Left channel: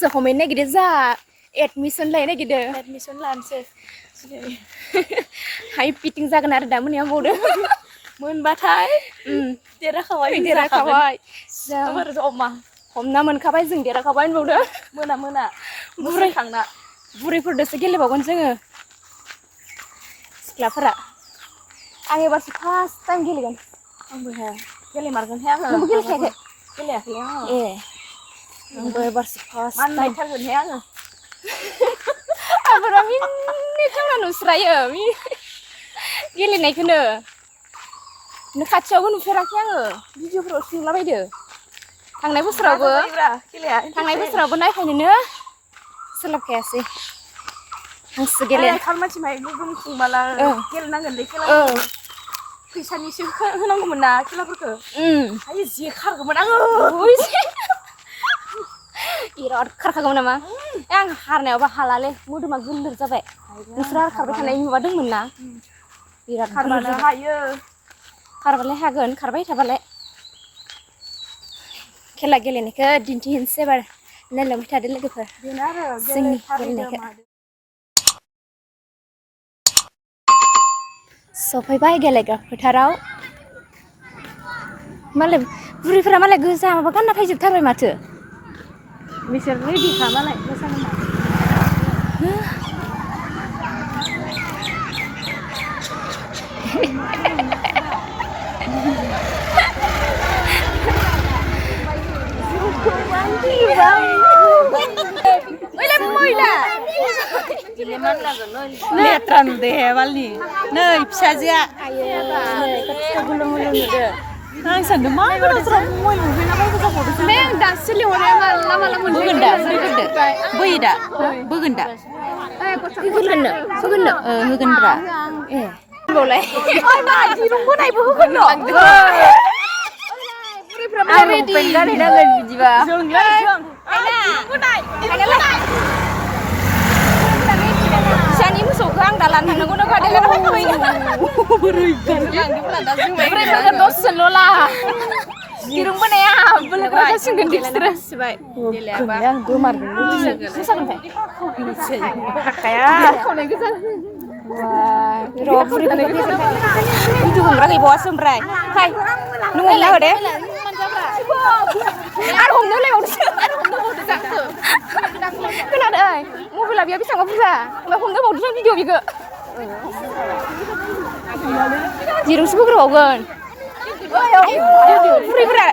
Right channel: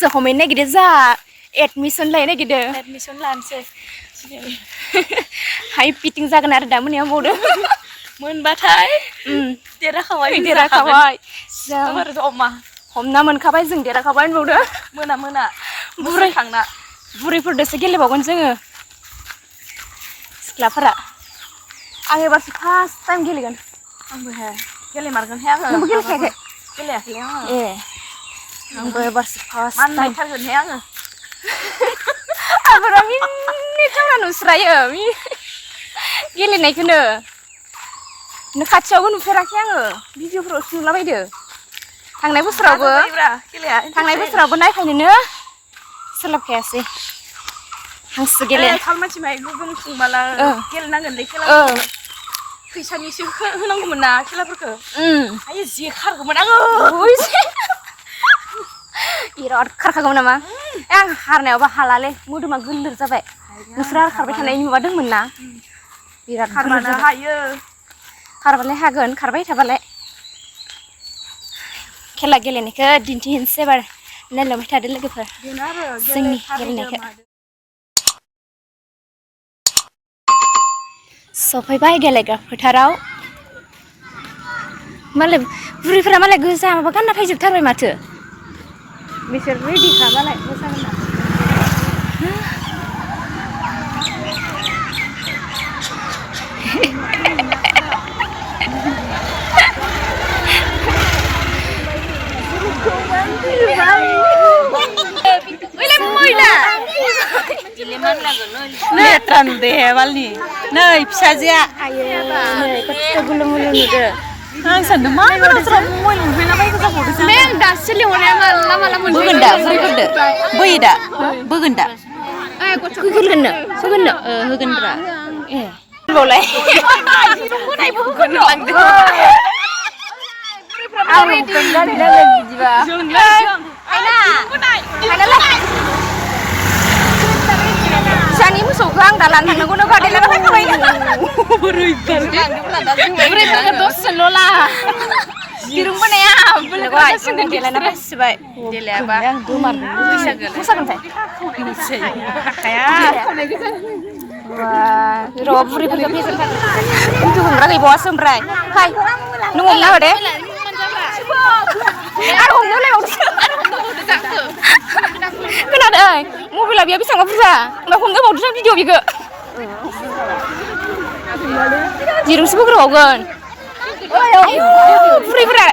गोसो हमैनो नागिरदो जा एडमिसन लायनो नागिरदो एडमिसन लानोसै हाइ पिटिं जागोन आरो दा मोनायाव बावदो मोनबाथाय देराखाबाय जों अमा हमना मोनखाबाय जों देराखाबाय होनबावदो मोना बुरैखांना बुरैफोरदोसो गेलेबावगोन जोङो सिख्लाफोरा आं एबारसो फार्स्ट टाइम गेलेगोन आंबो गेलेमारगोनहाय आङो नोंबो गेलेखायाखै गेलेयाखैलै आङो आंबो एबारसो फार्स्ट टाइम मानबायथारगोनहाय आङो आबरा मिनिथावना नुस्रायो गेलेनायखौनो खाथियावबो नुफेराखै आङो भिडिअफोरावसो नुलाबायदो थांनाय बोसोरावबो नायफायनोनो सोलाबखायासै हांसो गेले मानसि माहाय गोगोम खुंबाला गेलेनांगोनलै खेला फैसानिसो होनांगौमोन ना खेलाफोरखौ आयै जे खारगौमोन आङो बिराद खारखागौमोन नामा आं हारनायावबो हालालै मोदोमा गोलोर जाबाय नोंसोर खारबाय थानाय नुवादोंमोन ना बिराद खारबानो हायो खारबालाय हागोन खारबाय थाबालाय खेला गेलेनायखौ दिन्थिहैनोसै एबार नायलांबाय थादो लोगोफोर जोंनि गेलेनायखौ सफैबाय गेलेग्रा फोथाराव मालाय बुरैफोरा मालाय गोजा माबा गानना फैजोबथारबाय माथो बिसोर रेडिखा मालाय लेथ्रा नुदे बालनि नै फिसाजोआ आं सानदों मा गोदाव सोराव मबाइल नुफैलाबायगो जाबावदोंसो बे आं दासो लिंहरनाया माला बोगोन दा बोयो दा बोगोन दा होगोनब्रा ए होनबावलाय फिसानि मोसौखौ आं दा लानो थांनांगौनो बादायलायना फैखाबाय दिरुं बोनाया गेलेयाबा र' बुरैफोरखौ फेजेनथार भिडिअ हमग्रा गैबावासो ओमफ्राय फाय नों हमना हो दे आरो हमनो होलायबावदो खोनादों मबाइला बेयाव बेसेबां बुरजा ओमफ्राय हमनो बावदों भिडिअ बेखौ दिरुंसो बोग्रोबावगोन बुरैफोरा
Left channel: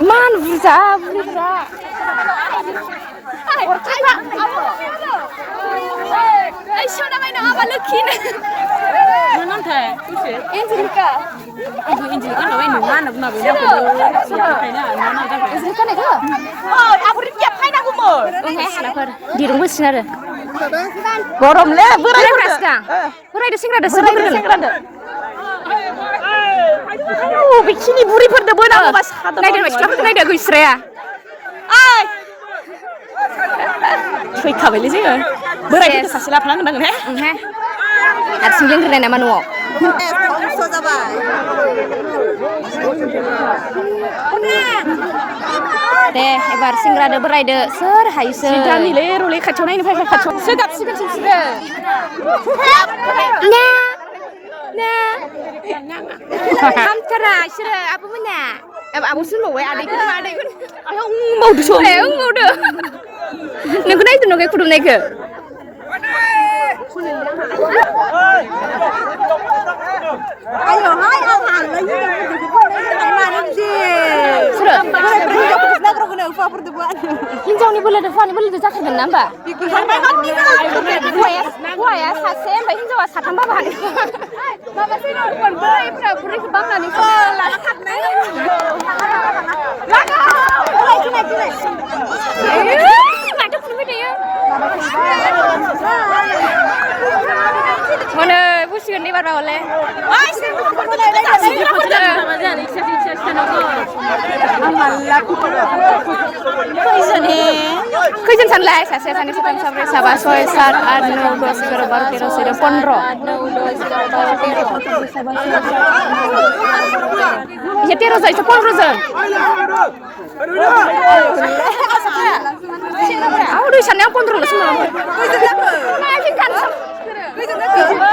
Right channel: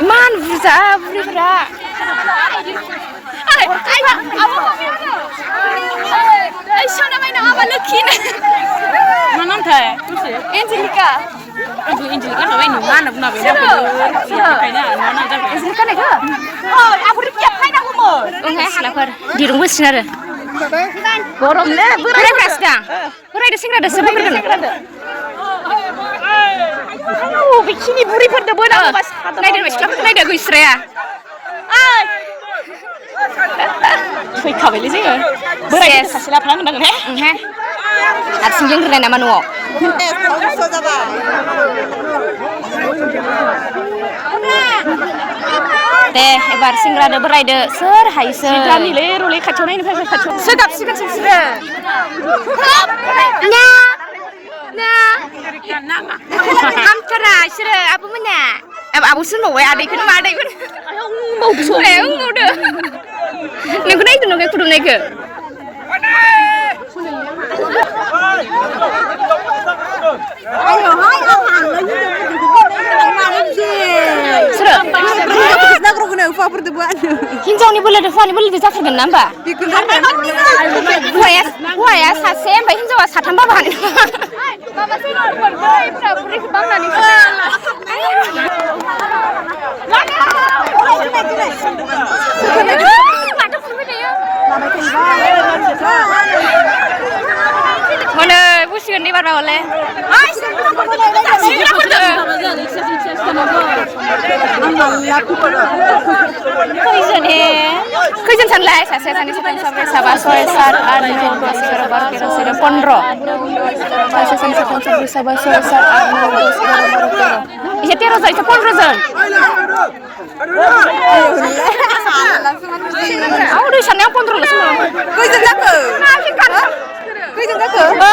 इमान बुरजा बुरैफोरा मा नामथाय एन्जेलिका एन्जेलिका होनबाय मा होनना बुंनाबै एन्जेलिका नायखो ओंहाय सिख्लाफोर दिरुं बोसिगोन आरो गरमनो बोरायग्रासो दा बोरायदो सेंग्रादोसो बोग्रोगोन बेखिनि बुरैफोरदो बोनांगौबा नायदो सिख्लाफोरखौ नायदो गैस्राया फैखाबायलै जोङो बोराय सासे लाफानांगोन ओंहाय हारसिं दोनग्रोनाय नामा न'आव दे एबार सेंग्रादो बोरायदो सोर हायोसो गामिलै रलै खाथियाव नायनो फैबाय खाथियाव सोगाबसिगोनसो बिसोरो हामथारा बिसोरो आब'मोना आब'सो होनबावबाय आदैखौनो मा आदैखौनो नोंखौ नायदो नों खुदुमनायखौ हिन्जावनि बोलोदो हौवानि बोलोदो जाथारगोन ना होमबा हौवाया सासे ओमफ्राय हिन्जावा साथाम बाबा हानाय मोनो बुसिगोन दै बारबा हले खैजन सानलाय सासे सानै साथाम साब्रै साबा सय सात आठ नौ दस एगार' बार' तेर' चौद' पन्द्र' सासे सानै साथाम साब्रै साबा सय सात आठ नौ दस एगार' बार' तेर' इसे 13 जन इसे 15 जन aku udah sana yang kontrol semua. Kau jaga. Nah, kan. Kau jaga.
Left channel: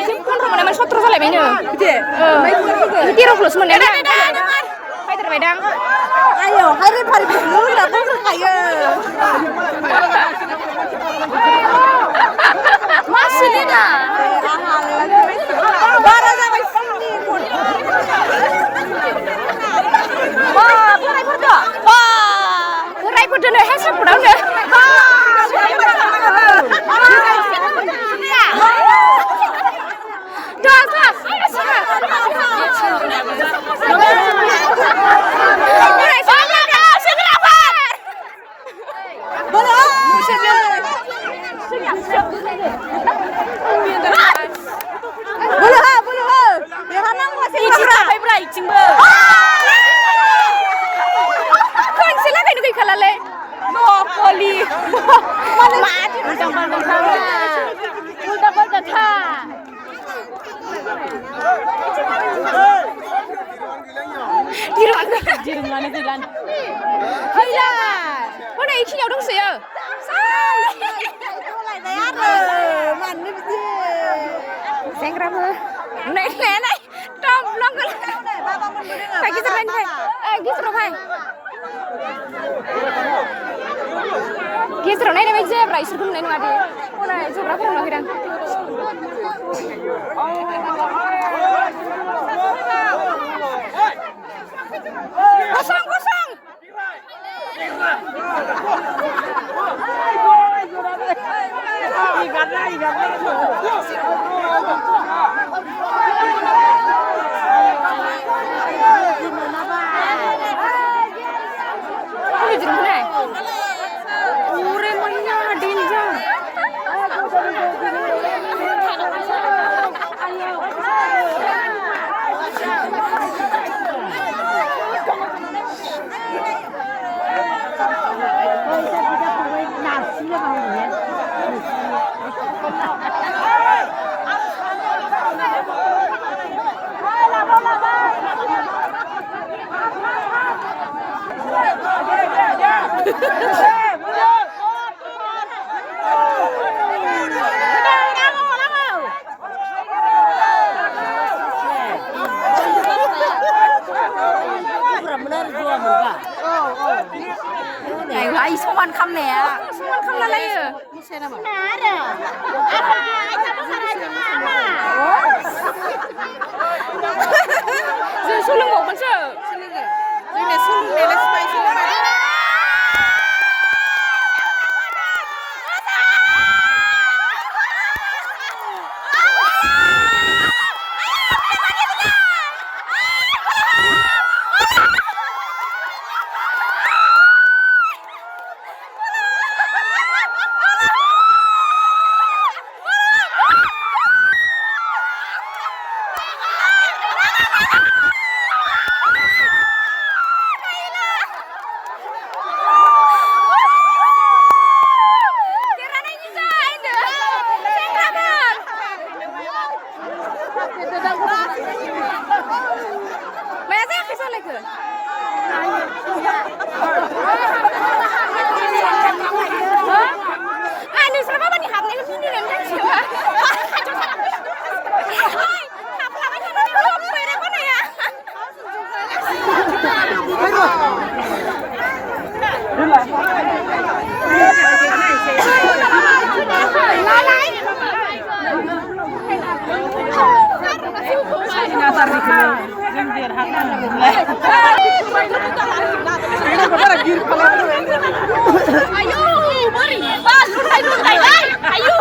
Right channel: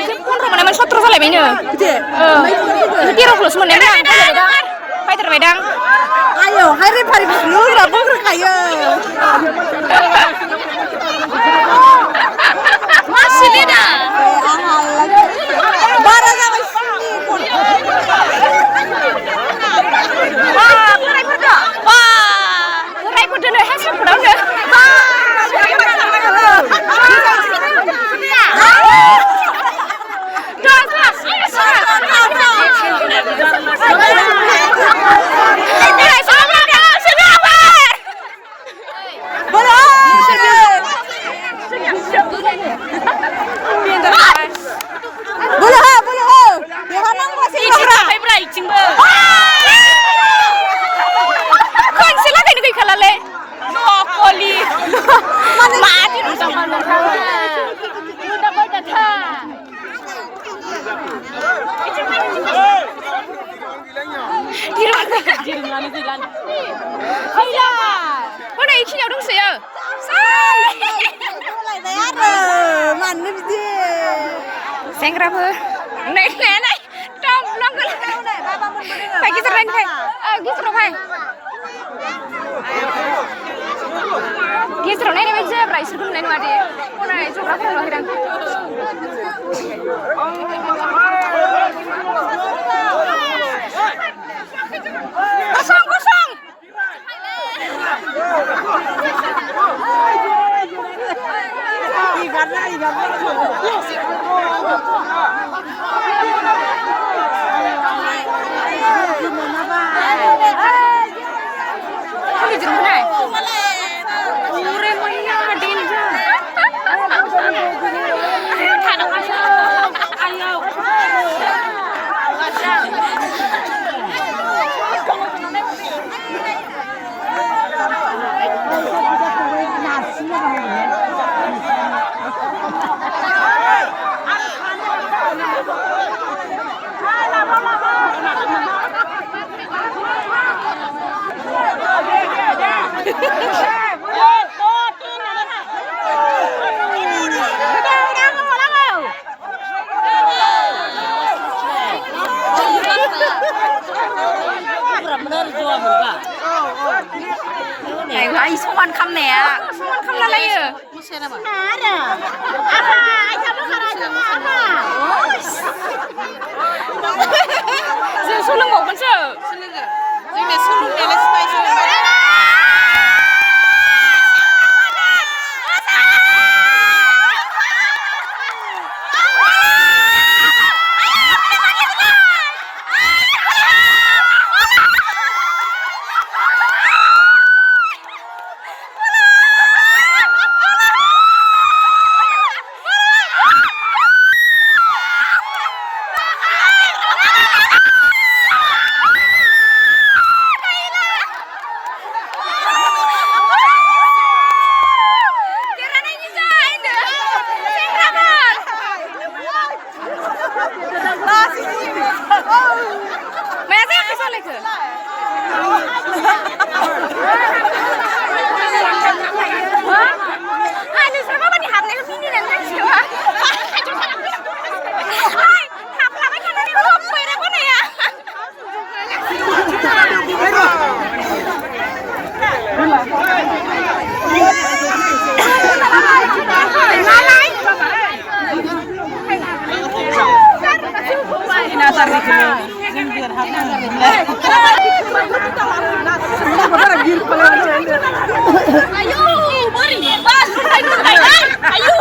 Itu kontrol mana mana 17 salah ini. Itu 30 semua nih. Hai terbaidang. Ayo, hari hari dulu berapa kaya. Masih dia. Barang yang Aku dulu hasil pernah. Mana ikinya dong saya? Mana dia? Sengrapa? Naik, tom long. Pagi terang pai. Oh, gitu loh pai. Gitu loh, nenek aja, berai suruh nenek ada. Mana itu berapa loh hirang? Kosong. Ay, soman kham nè. Soman kham là lấy à? Mất xe nào mà? Giờ số lưng một vẫn sợ. Giờ này số lưng này là spy số lưng này. Ayo, beri, bal, luntai, ayo,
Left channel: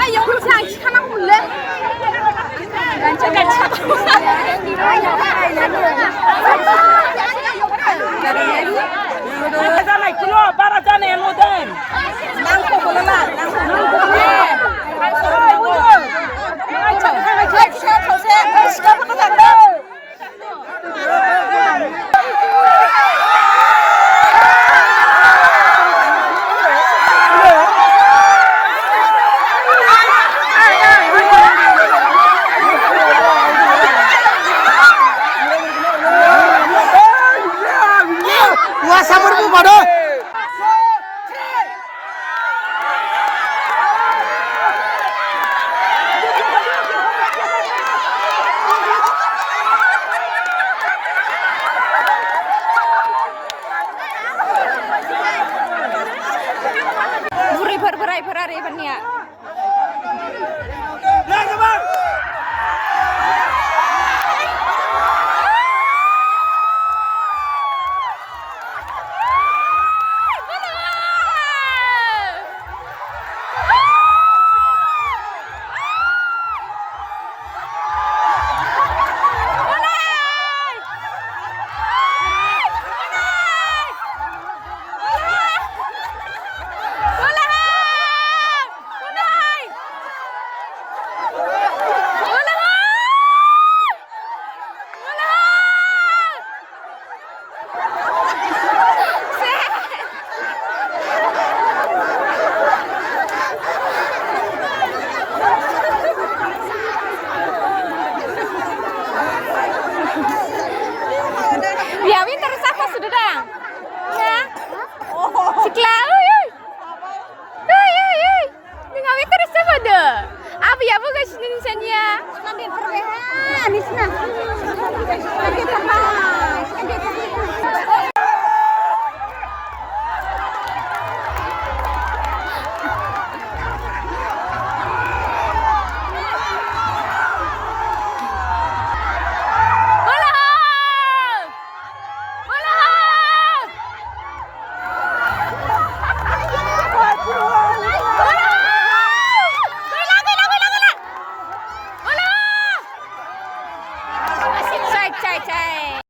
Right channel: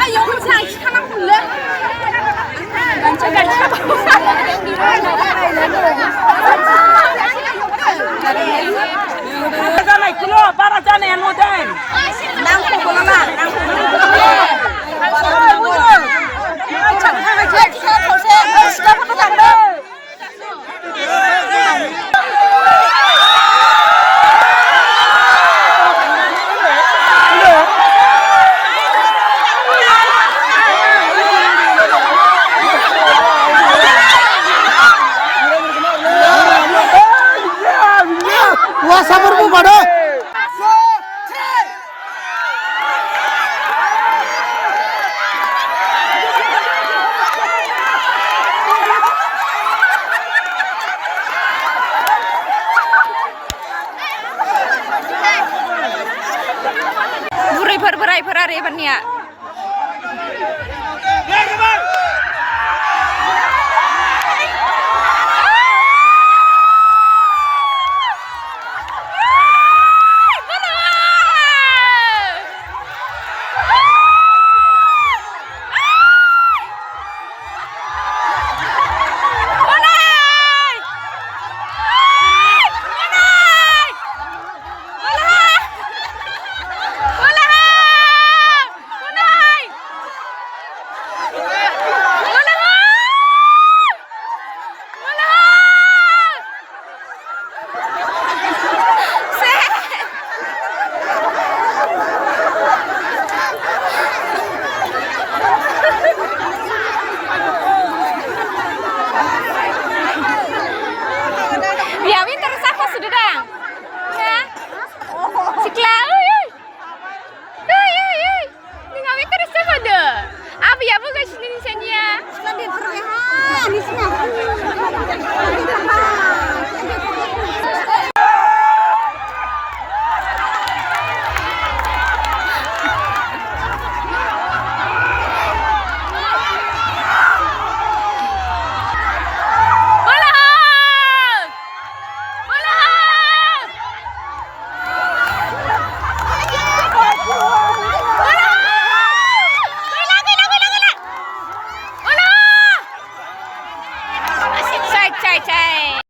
ayo, jangan फुरा आरो एबारनिया Ya, winter apa sudah dang? Ya, sikla, ini nggak winter apa deh? Apa ya bukan sini sini Nanti perwehan di sini. Nanti tambah.